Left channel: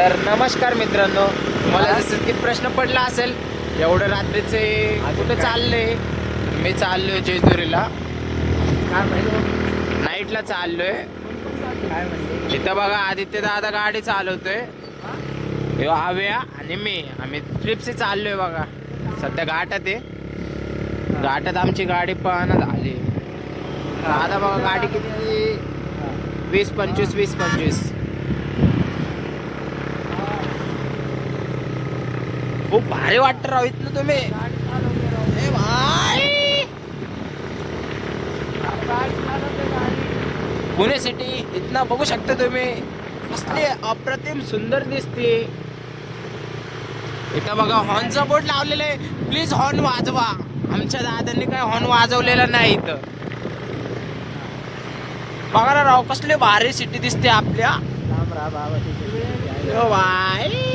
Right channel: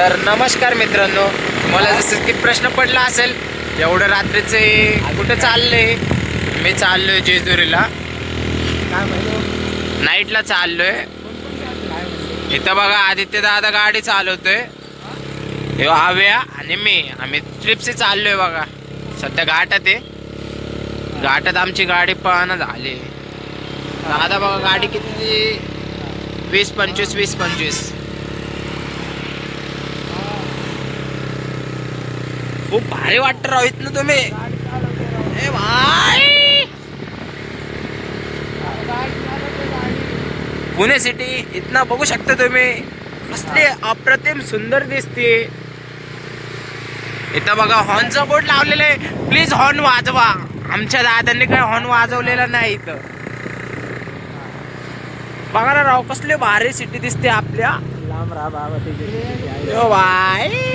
तर नमस्कार मित्रांनो, तुम्हाला जसं की प्रश्न पडला असेल एवढं रात्रीचे कुठे चालले. मी चाललोय जेजुरीला, नाईटला चाललोय. इथं बघा आदित्य दादा गाडी चालवतोय, हे आव्या आणि आम्ही ट्रिपशी चाललोय. बघा सध्या घाटात आहे, घाटात आमची गाडी पाहणं झाली. दादा बघा गाडी किती, 20-25 खूप भारी वाटत राहित ना तुम्ही. ए भाई, पुणे सिटी इथनं बघू शकता तुम्ही, असले अप्रतिम सुंदर दिसते. इथं बघा हॉर्नचा बोर्ड लावलेला आहे, प्लीज हॉर्न वाजवा. आमच्या दादांनी काय हॉर्न वाजवलेला नाही इथं. बघा ना राव, कसले भारी सिटी दिसते आपल्या. ओ भाई,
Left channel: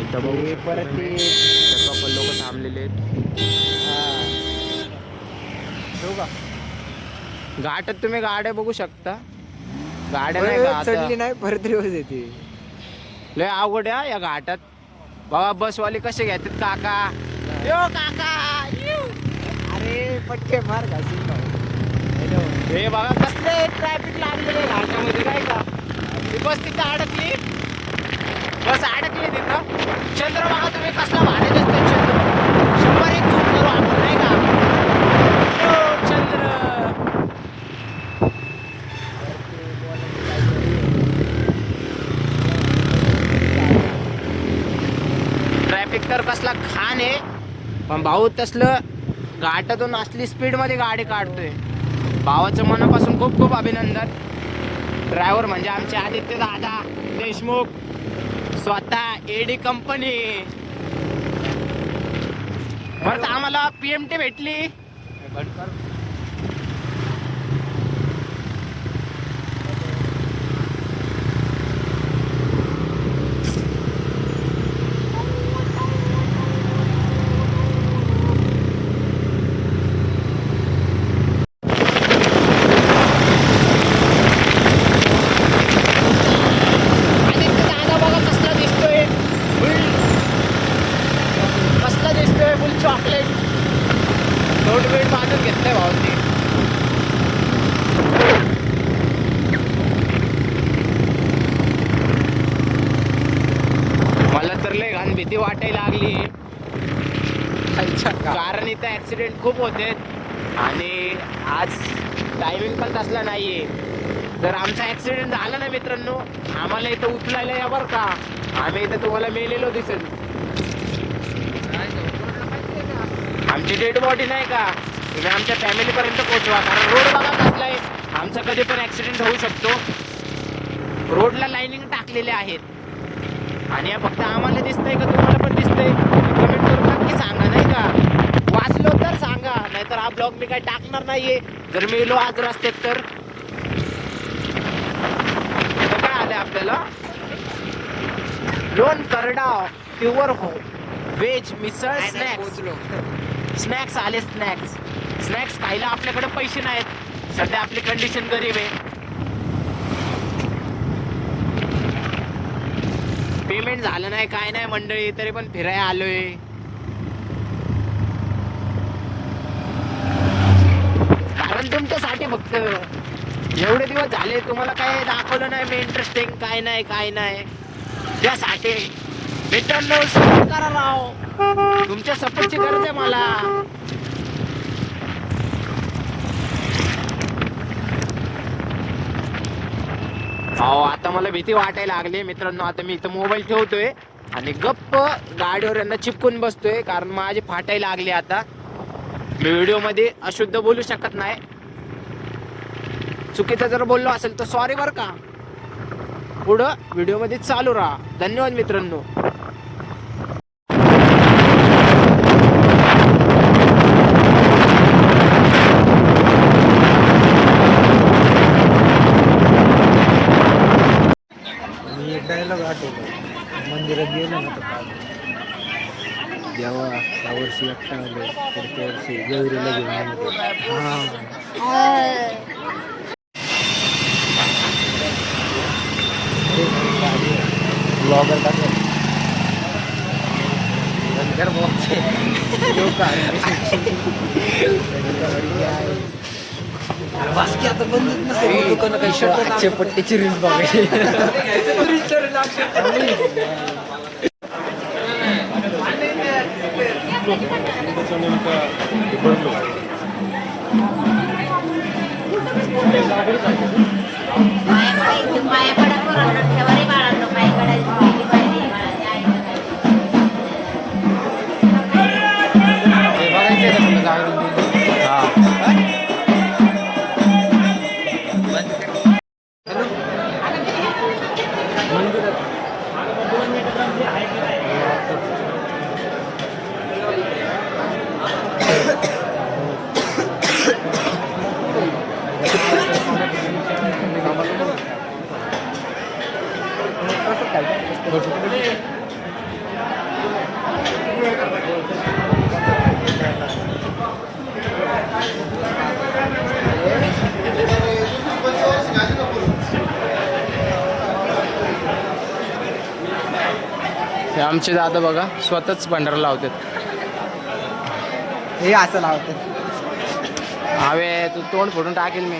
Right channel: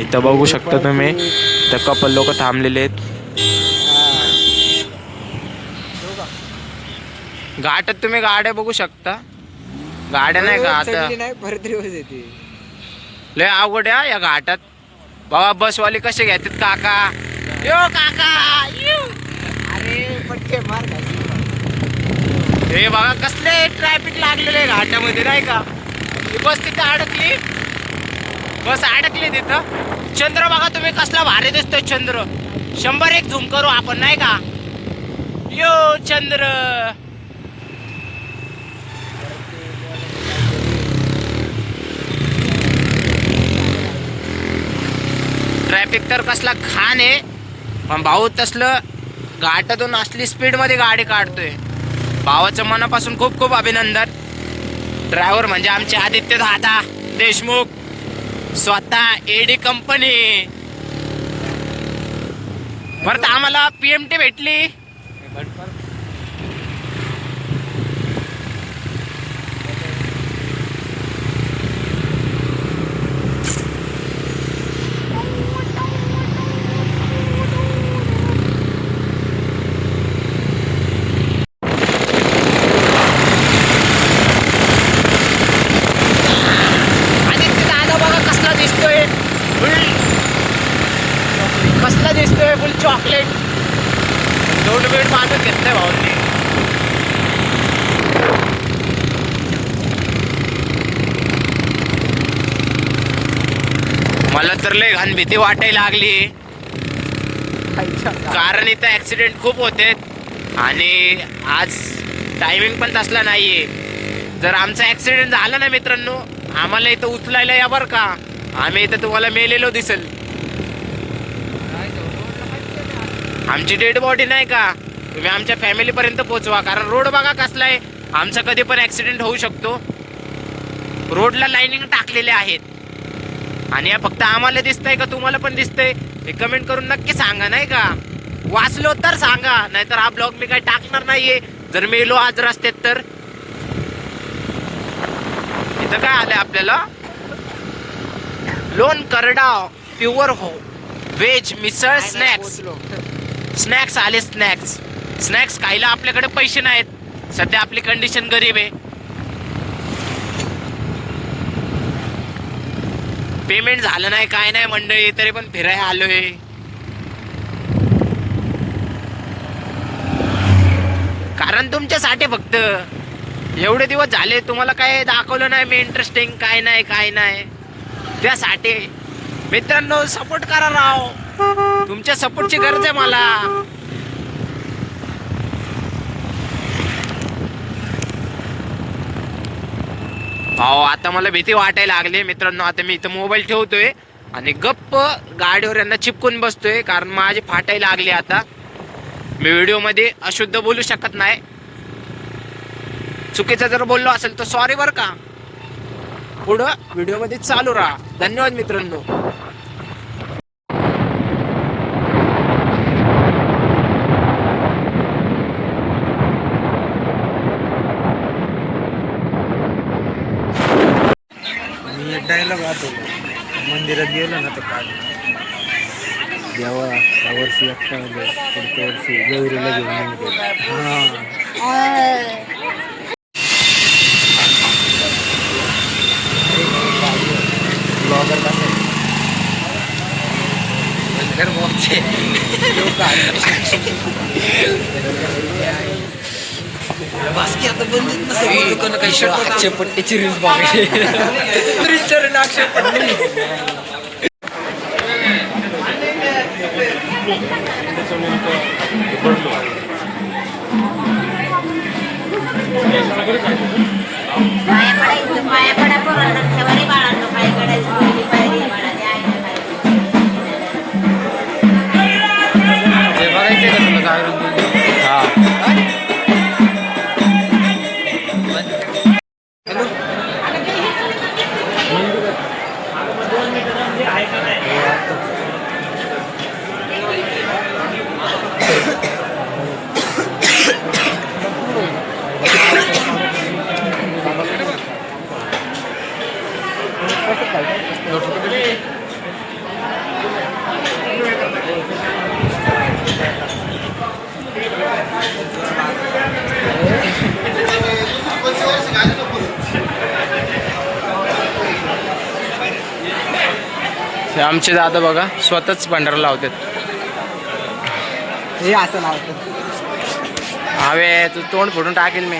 इथं बघू शकता तुम्ही, तर कपल लोक थांबलेले आहेत. घाटात तुम्ही गाड्या बघू शकता, गाड्या नाही का आता लय अवघड आहे या घाटात. बघा बसवाले कसे घेतात. काका यो काका यो, अरे पटके मार. हे बघा कसले ट्रॅफिक लागलेले घाटामध्ये नाही का. बस तिथं अडकली, बस अडकली तिथं. चंद्र बघा तुम्ही कसला भारी दिसतोय चंद्र. 100x झूम करू आपण नाही का. यो चंद्र, ट्रॅफिक तर कसला खान आहे. पण भाऊ तसलं घाटातून असली स्पीड मध्ये गाडी काढतोय. भावाचं मनापासून खूप खूप अभिनंदन. ड्रायव्हर म्हणजे आमचे आदित्य दादा देशमुख, स्वतः एडी कंपनी. परत आम्हाला PMT भेटली. चॉकलेट दोन वेळ बांधून घेतलंय भाऊंनी. मला तर लय घाण भीती वाटायला लागली, कारण इथं ऍक्सिडेंट खूप होते आणि आज टायमिंग पण तसला नाहीये. जर आमचा ऍक्सिडेंट झाला ना मित्रांनो, आम्हाला इथं उचलायला या बरं का. आम्ही इथं तुम्हाला मेलेलो दिसेल. आमची डेड बॉडी नाही का तुम्ही आमच्या फॅमिली पर्यंत पोहोचवा, कारण रोड बघा कसला आहे. आमचा कधी पण ऍक्सिडेंट होऊ शकतो. रोडला लाईनिंग टाकलेले आहेत आणि या फक्त आम्हाला दिसतंय का तुम्हाला पण दिसतंय हे कमेंट करून नक्की सांगा नाही का. वाचलो तर सांगा, नाहीतर हा ब्लॉग मी काय टाकणार नाहीये. जर मेलो आज रस्त्यात तर. इथं काय आलंय आपल्याला, लोण करडाव प्युअर हो व्हेज मिसळ स्नॅक्स आले. स्नॅक्स खायला आपल्याकडे पैसे नाहीत. सध्या आपली कंडिशन गरीब आहे. पेमेंट झालं नाही काय नाही मंडळी, तरी पण फिरायला आलोय. कारण तुमच्यासाठी फक्त. एवढे दिवस झाले तुम्हाला काय दाखवलं नाही मी इंटरेस्टिंग, काय नाही त्यासाठी. मित्रांनो सपोर्ट करा राव, तुमच्या सपोर्टची गरज आहे मला. हो आता मला भीती वाटायला लागली मित्रांनो. आता मी इथं मोबाईल ठेवतोय आणि गप्प गाडीवर यांना चिपकून बसतोय, कारण माझी फाटायला लागली. आता मी व्हिडिओ मध्ये अशुद्ध बोलू शकत नाही. चुकीचं जर बोललो असेल तर सॉरी बरं का. पुढं व्हिडिओ मध्ये चालू राहा. धन्यवाद मित्रांनो. डायलॉग आठवलं, मंदिरात गेलो ना तर काय देवा यावर्षी अप्पा आलो, पुढच्या वर्षी गौरीला घेऊन येते. की आता बंदीत नसेल दुकानं काही अक्षय पट्टीची रील्स बघायची हे आमचे दादा बघा स्वतःच भंडारा लावतात. हे असं लावतात. हवे तू तोंड फोडून टाकेल मी.